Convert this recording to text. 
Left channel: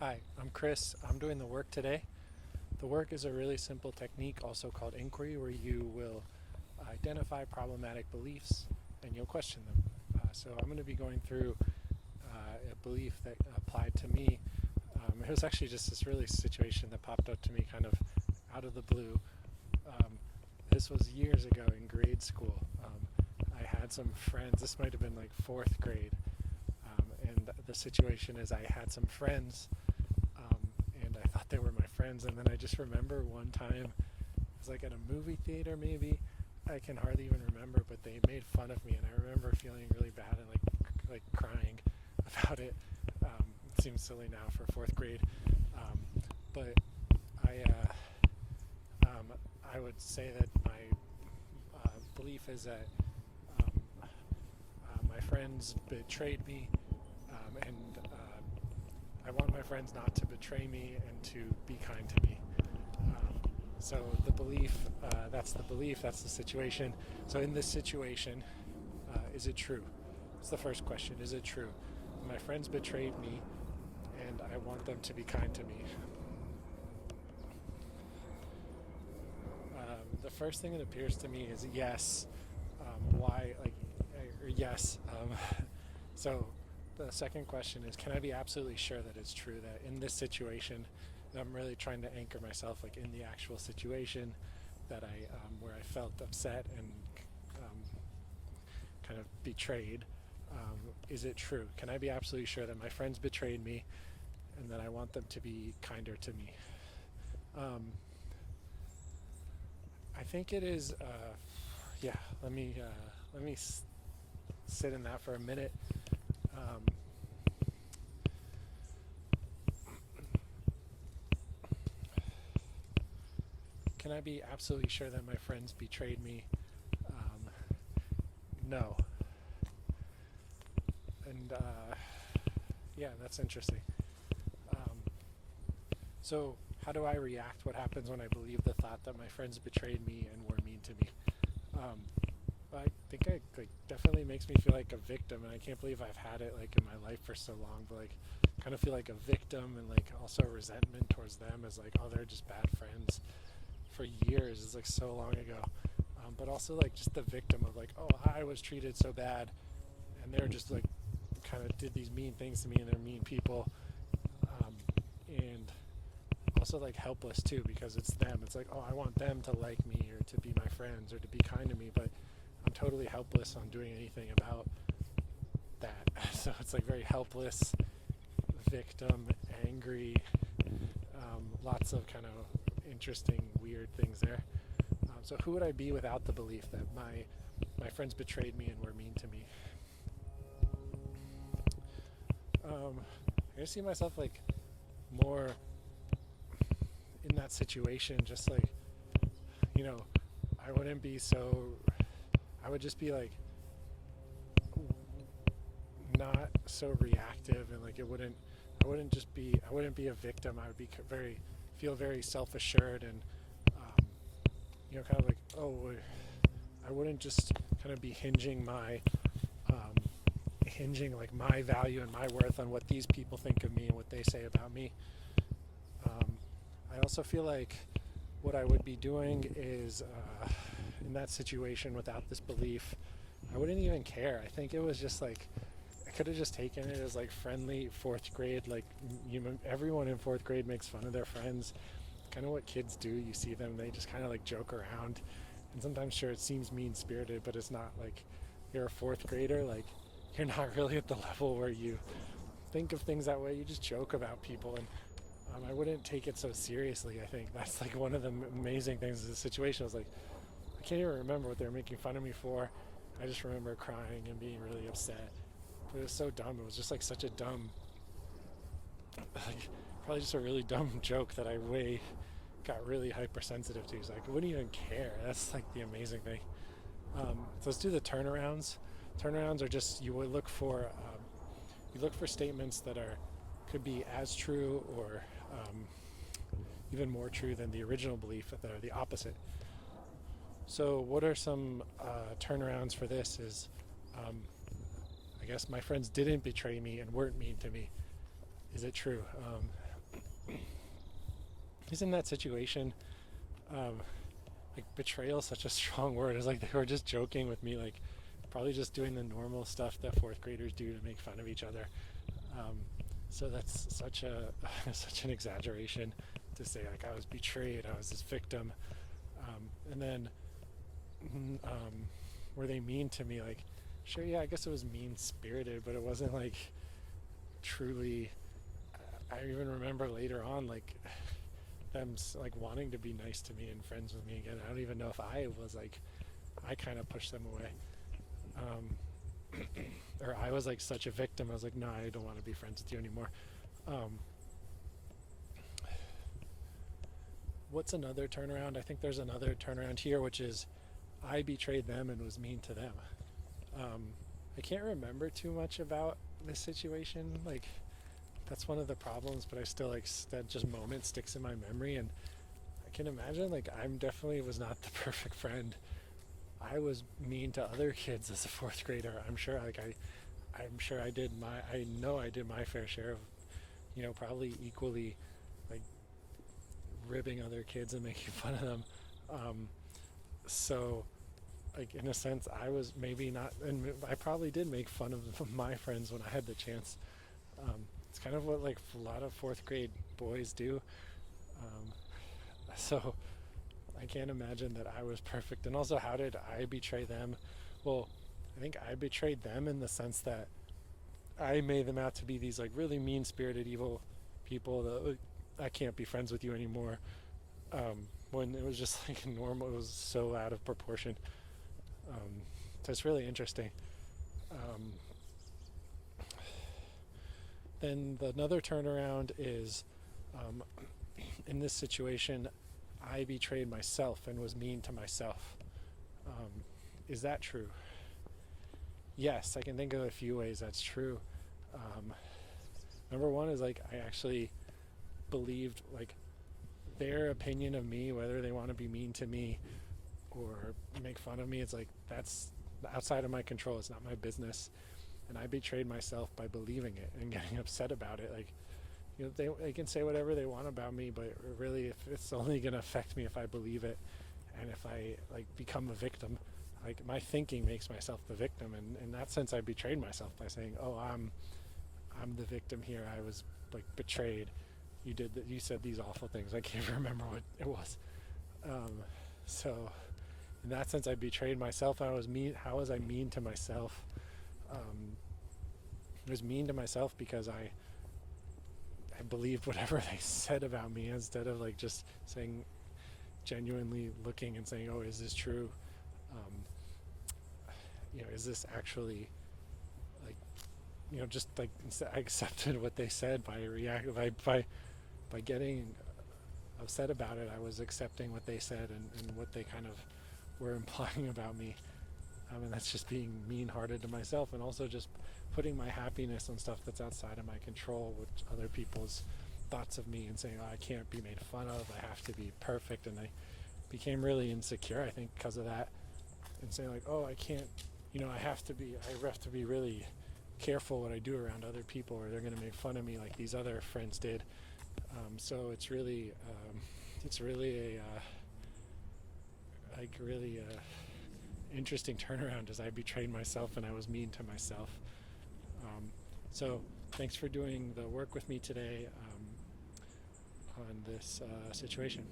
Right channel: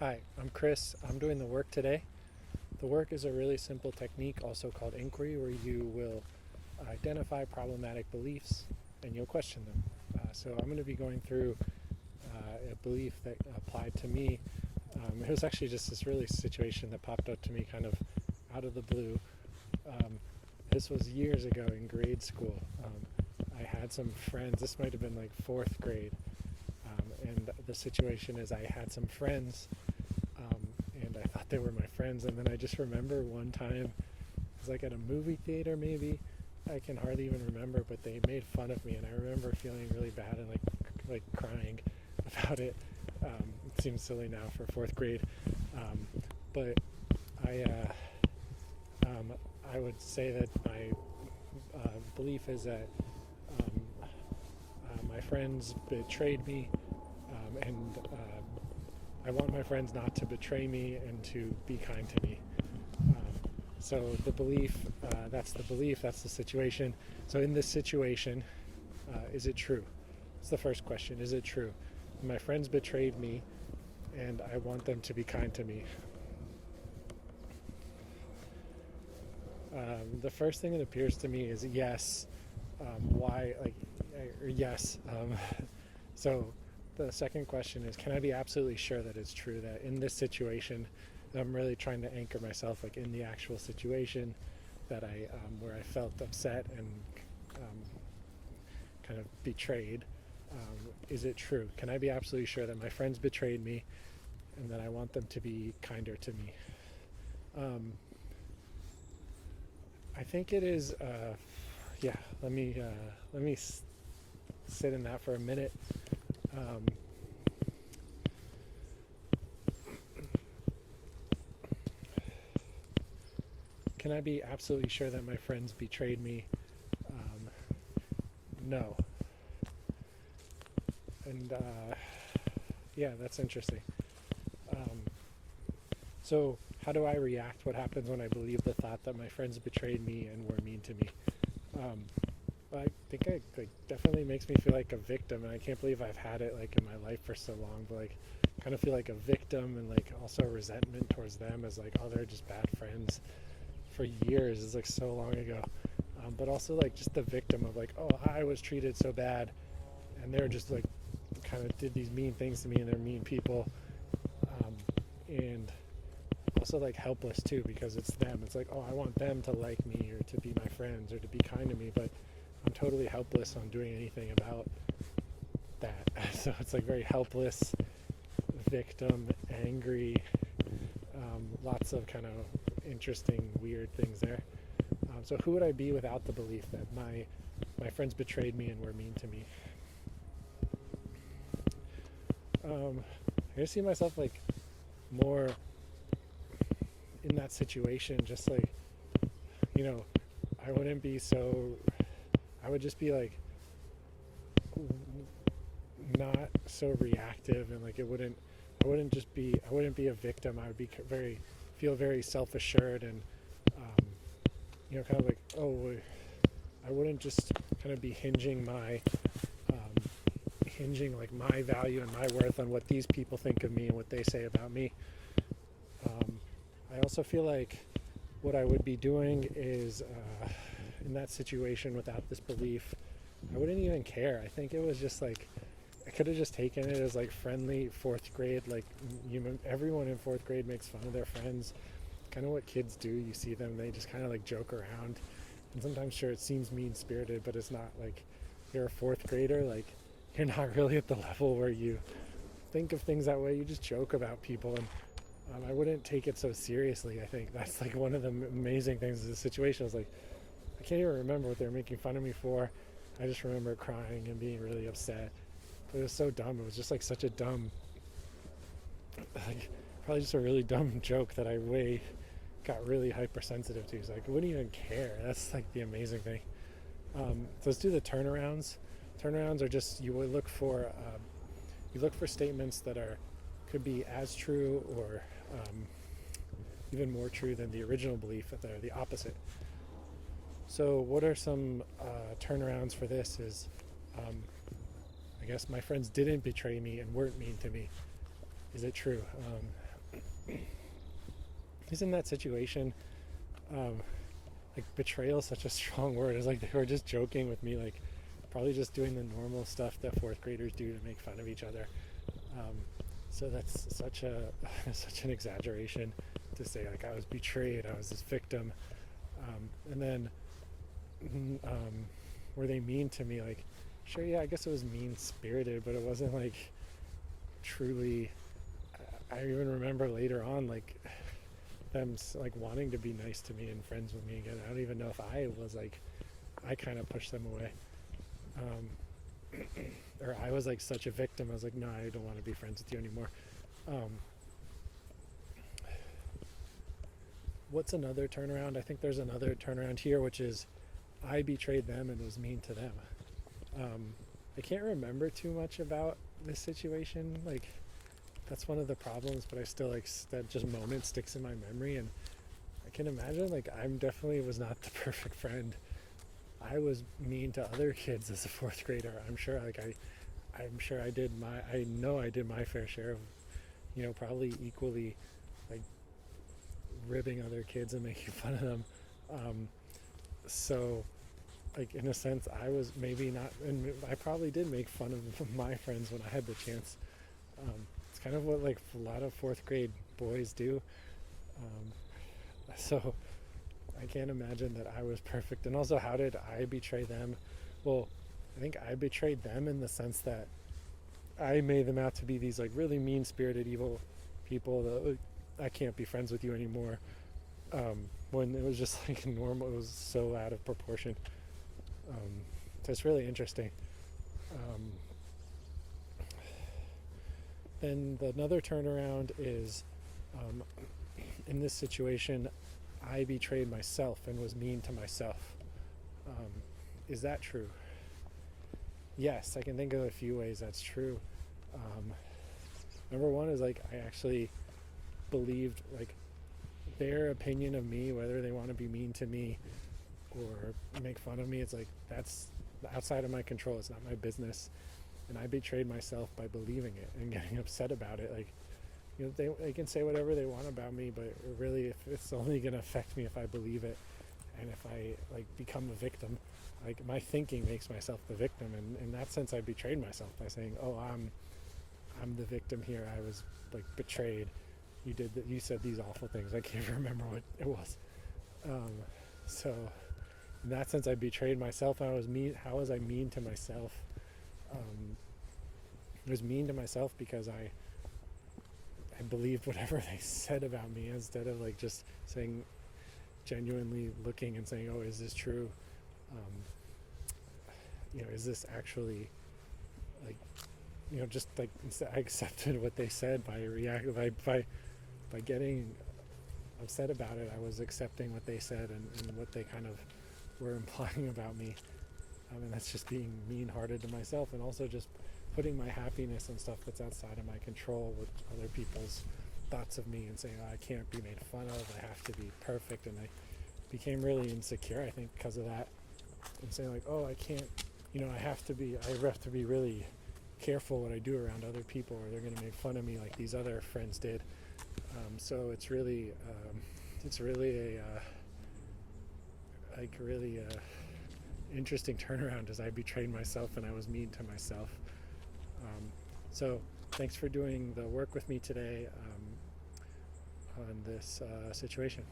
Hi, I'm Chris. I'm doing the work today. The work is a really simple technique, also called inquiry, where you will identify problematic beliefs and you'll question them. So I'm going to be going through a belief that applied to me. It was actually just this really situation that popped up to me kind of out of the blue. Um, this was years ago in grade school. I had some friends, this might have been like fourth grade. And the situation is I had some friends and I thought they were my friends. And then I just remember one time, it was like at a movie theater, maybe. I can hardly even remember, but they made fun of me, and I remember feeling really bad and like crying about it. It seems silly now for fourth grade, but I I would say that my belief is that my friends betrayed me, and I want my friends not to betray me and to be kind to me. So the belief, that's the belief, that's the situation. So in this situation, is it true? That's the first question. Is it true? My friends betrayed me and I want them to be kind to me. The first thing that appears to me is yes. Why? Or yes. So the second question is, can I be absolutely sure that it's true that in this situation, I'm really trying to anchor myself like in the actual situation that I where I felt upset and um, kind of betrayed. Is it true? Can I be absolutely sure that my friends betrayed me and that I want them to be kinder to me? Um, I think it is. Yeah. Let me sit in that for a minute. Um, can I be absolutely sure that my friends betrayed me? Um, no. And yeah, that's interesting. Um, so, how do I react? What happens when I believe the thought that my friends betrayed me and were mean to me? Um, I think it like definitely makes me feel like a victim, and I can't believe I've had it like in my life for so long. But like, kind of feel like a victim, and like also resentment towards them as like, oh, they're just bad friends for years. It's like so long ago. But also like just the victim of like, oh, I was treated so bad, and they're just like kind of did these mean things to me, and they're mean people. And also like helpless too, because it's them. It's like, oh, I want them to like me or to be my friends or to be kind to me, but I'm totally helpless on doing anything about that. So it's like very helpless, victim, angry, lots of kind of interesting, weird things there. So who would I be without the belief that my friends betrayed me and were mean to me? I see myself like more in that situation, just like, you know, I wouldn't be so. I would just be like not so reactive, and like it wouldn't. I wouldn't just be. I wouldn't be a victim. I would be feel very self assured and um, kind of like, oh, I wouldn't just kind of be um, hinging like my value and my worth on what these people think of me and what they say about me. Um, I also feel like what I would be doing is in that situation without this belief, I wouldn't even care. I think it was just like I could have just taken it as like friendly fourth grade. Like everyone in fourth grade makes fun of their friends. Kind of what kids do. You see them, they just kind of like joke around, and sometimes sure it seems mean spirited, but it's not. Like you're a fourth grader, like you're not really at the level where you think of things that way. You just joke about people, and I wouldn't take it so seriously. I think that's like one of the amazing things of the situation. I was like, I can't even remember what they were making fun of me for. I just remember crying and being really upset. But it was so dumb. It was just like such a dumb, like probably just a really dumb joke that I got really hypersensitive to. So like, I wouldn't even care. That's like the amazing thing. So let's do the turnarounds. Turnarounds are just you look for statements that are could be as true or even more true than the original belief that they're the opposite. So what are some turnarounds for this is um, I guess my friends didn't betray me and weren't mean to me. Is it true? he's in that situation. Um, like betrayal is such a strong word. It's like they were just joking with me, like probably just doing the normal stuff that fourth graders do to make fun of each other. Um, so that's such a such an exaggeration to say like I was betrayed, I was this victim, and then were they mean to me? Like, sure, yeah, I guess it was mean spirited, but it wasn't like truly. I even remember later on like them like wanting to be nice to me and friends with me again. I don't even know if I was like I kind of pushed them away. Or I was like such a victim. I was like, no, I don't want to be friends with you anymore. Um, what's another turnaround? I think there's another turnaround here, which is I betrayed them and was mean to them. I can't remember too much about this situation. Like, that's one of the problems, but I still like that just moment sticks in my memory. And I can imagine like I'm definitely was not the perfect friend. I was mean to other kids as a fourth grader. I'm sure I know I did my fair share of, probably equally like ribbing other kids and making fun of them. So like in a sense I was maybe not, and I probably did make fun of my friends when I had the chance. It's kind of what like a lot of fourth grade boys do. Um, so I can't imagine that I was perfect. And also, how did I betray them? Well, I think I betrayed them in the sense that I made them out to be these like really mean-spirited, evil people that like, I can't be friends with you anymore. When it was just like normal, it was so out of proportion. So it's really interesting. Um, then another turnaround is in this situation, I betrayed myself and was mean to myself. Is that true? Yes, I can think of a few ways that's true. Number one is like I actually believed like their opinion of me, whether they want to be mean to me or make fun of me, it's like that's outside of my control. It's not my business. And I betrayed myself by believing it and getting upset about it. Like, they can say whatever they want about me, but really, if it's only going to affect me if I believe it, and if I like become a victim, like my thinking makes myself the victim, and in that sense, I betrayed myself by saying, "Oh, I'm the victim here. I was like betrayed. You said these awful things. I can't remember what it was." So, in that sense, I betrayed myself. I was mean. How was I mean to myself? I was mean to myself because I believed whatever they said about me instead of like just saying, genuinely looking and saying, oh, is this true? Is this actually like, just like I accepted what they said by reacting by getting upset about it. I was accepting what they said and what they kind of were implying about me. And that's just being mean-hearted to myself, and also just putting my happiness on stuff that's outside of my control with other people's thoughts of me, and saying, oh, I can't be made fun of, I have to be perfect. And I became really insecure, I think, because of that, and saying like, oh, I can't, I have to be really careful what I do around other people, or they're going to make fun of me like these other friends did. So it's really a interesting turnaround, as I betrayed myself and I was mean to myself. So thanks for doing the work with me today on this situation.